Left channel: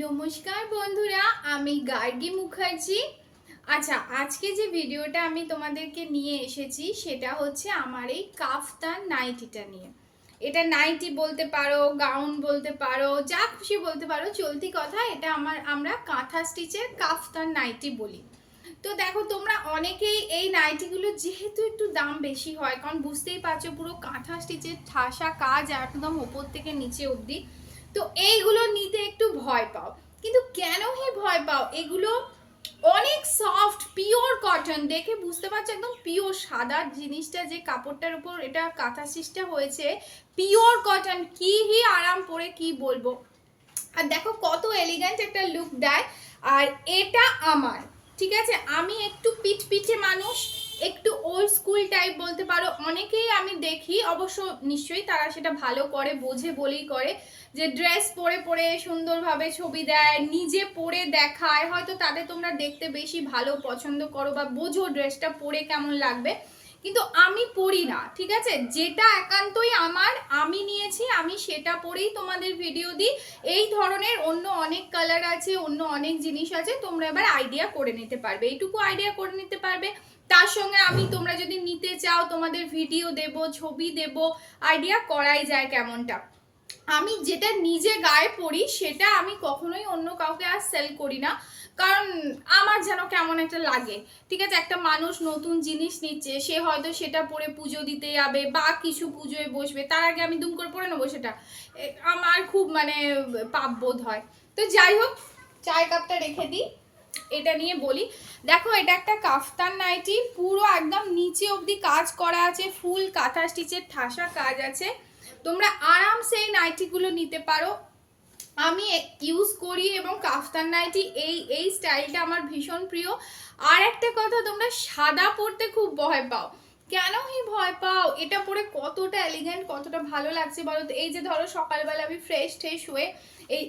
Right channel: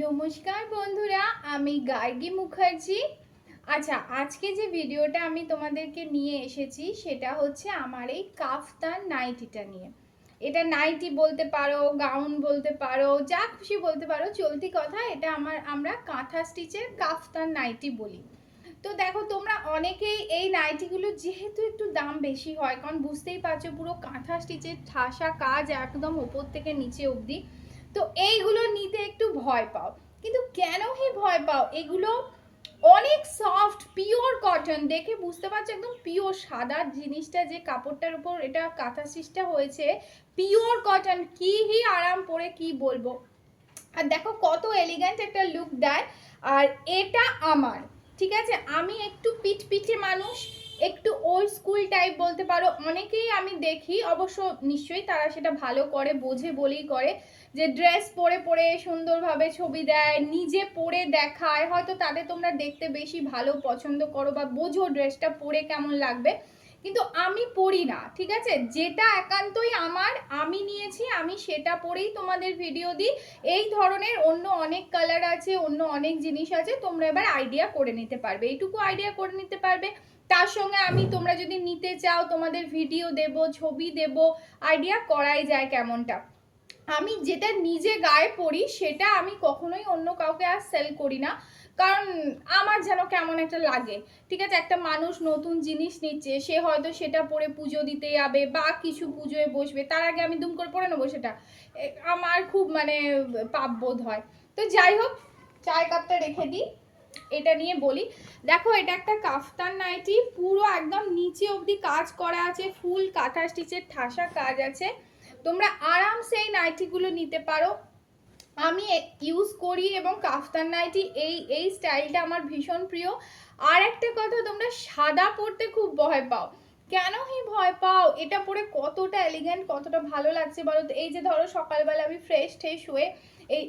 নমস্কার বন্ধুরা, আমি গার্গী মুখার্জি। আচ্ছা, আজকে যে ভিডিওটা আমি তোমাদেরকে নিয়ে এসেছি সেটা হচ্ছে আমার এই কাফতান নাইটিটা নিয়ে। এটা নাইটি বলতে পারো, গাউন বলতে পারো, যা খুশি বলতে পারো, চলতি কথা। এটা আমরা কাঁথা স্টিচের কাফতান নাইটি বলি। তো দেখো, তোমরা অনেকেই এই নাইটিগুলো যেহেতু একটু দাম বেশি হয়, কারণ বুঝতেই পারছো পুরো কাঁথা স্টিচের ঠাসা কাজ একদম ওপর থেকে নিচে অবধি, তো এইগুলো নিতে একটু ভয় পাও। কিন্তু কেন হে ভয় পাও? এগুলো অনেক সফট, পিওর কটন, দেখে বুঝতে পারছো একদম পিওর সাদা জিনিসটা, যে কাপড়টার উপর এটা কাঁথা স্টিচটা হয়েছে পিওর কটন। কি হি আরাম পরে কি বলবো। আর দেখো কত এলিগেন্ট একটা লুক দেয়। আর এটা আমার, ঠিক আছে, আমি একটু পিঠে মানুষ, একটু ওল্ড স্কুল টাইপ বলতে পারো। অনেকেই আমি দেখি, অবশ্য নিশ্চয়ই তারা সেটা ভালো করে বোঝে বলেই করে, যে ড্রেস পরে পরে সুন্দরভাবে ছবি দেয়, নিজে পরে দেখায়, হয়তো তাদের তোমরা দেখতে বেশি ভালো পছন্দ করো বা বোঝো ড্রেসটা পরে কেমন লাগবে। কিন্তু আমি পরি না, ঠিক আছে, যেটা একান্তই আমার, আমি নিয়েছি, আমি সেটা পরেই তোমাদের ভিডিও দিই। এই ধরনের অন্য অনেক কালার আছে, অন্য অনেক জিনিস আছে, তোমরা এবার আইডিয়া করে নিতে পারবে, এইটুকু আইডিয়া করে নিতে পারবে। তার সঙ্গে আমি, তোমরা যদি নিতে চাও, তোমাদের ভিডিও দেব, ছবি দেব, আইডিয়া করাই যায় কেমনটা। আমি যেটা নিজে গায়ে পরি সেটা আমি কখনোই অন্য কাউকে আর সেল করি না, কারণ আমার যেন কেমন একটা লাগে। ঠিক আছে, একটা মানুষ নতুন জিনিস নিচ্ছে, সে হয়তো সেটা পরে পুজো দিতে যাবে বা কিছু পুজোয় বসবে, তার আগে আমি দুম করে পরে নেবো সেটা, আমার খুব মানে পাপ বোধ হয়। তো যাই হোক, চায়ের কাপটা রেখে দিই, এটা নিয়ে বলি। দেখো, এটা একটা কাফতান নাইটি, পুরো একদম নিচে অবধি কাজ করা আছে, ফুল কাঁথা স্টিচের ঠাসা কাজ আছে। তোমরা আরামসে এই নাইটিগুলো নিতে পারো, আমি ইউজ করি, এবং কাফতান নাইটি এই এই স্টাইলটা আমার ভীষণ প্রিয়। আর একটা কথা, তোমরা সাদা পরতে খুব ভয় পাও, কেন এই ভয় পাও? এটা পরে কতটা এলিগেন্ট, কতটা ভালো লাগছে বলো তো। এই যে ধরো সকালবেলা আমি ফ্রেশ ট্রেশ হয়ে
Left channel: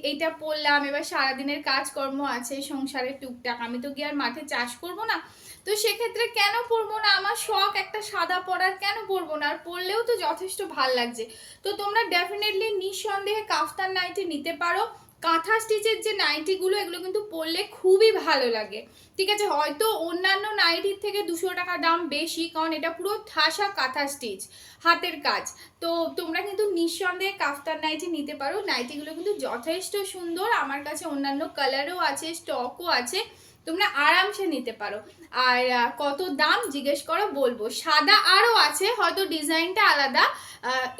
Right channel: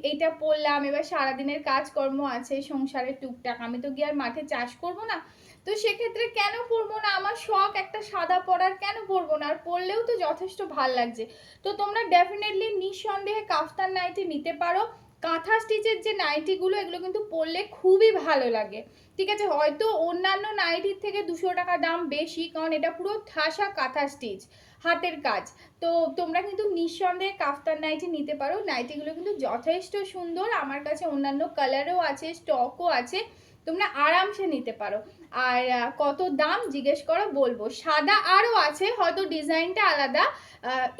এইটা পরলাম, এবার সারাদিনের কাজকর্ম আছে, সংসারের টুকটাক, আমি তো গিয়ে আর মাঠে চাষ করবো না, তো সেক্ষেত্রে কেন পরবো না? আমার শখ একটা সাদা পরার, কেন পরবো না? আর পরলেও তো যথেষ্ট ভাল লাগছে। তো তোমরা ডেফিনেটলি নিঃসন্দেহে কাফতান নাইটি নিতে পারো। কাঁথা স্টিচের যে নাইটিগুলো, এগুলো কিন্তু পরলে খুবই ভালো লাগে। ঠিক আছে, হয়তো অন্যান্য নাইটির থেকে 200 টাকা দাম বেশি, কারণ এটা পুরো ঠাসা কাঁথা স্টিচ, হাতের কাজ। তো তোমরা কিন্তু নিঃসন্দেহে কাফতান নাইটি নিতে পারো। নাইটিগুলো কিন্তু যথেষ্ট সুন্দর, আমার কাছে অন্যান্য কালারও আছে, স্টকও আছে, তোমরা আরামসে নিতে পারো। আর কত দাম জিজ্ঞেস করো, বলবো। সাদা আরও আছে, হয়তো ডিজাইনটা আলাদা।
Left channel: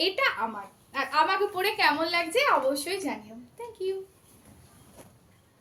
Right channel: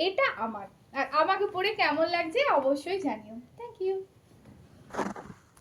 এটা আমার, আর আমাকে পরে কেমন লাগছে অবশ্যই জানিও। Thank you.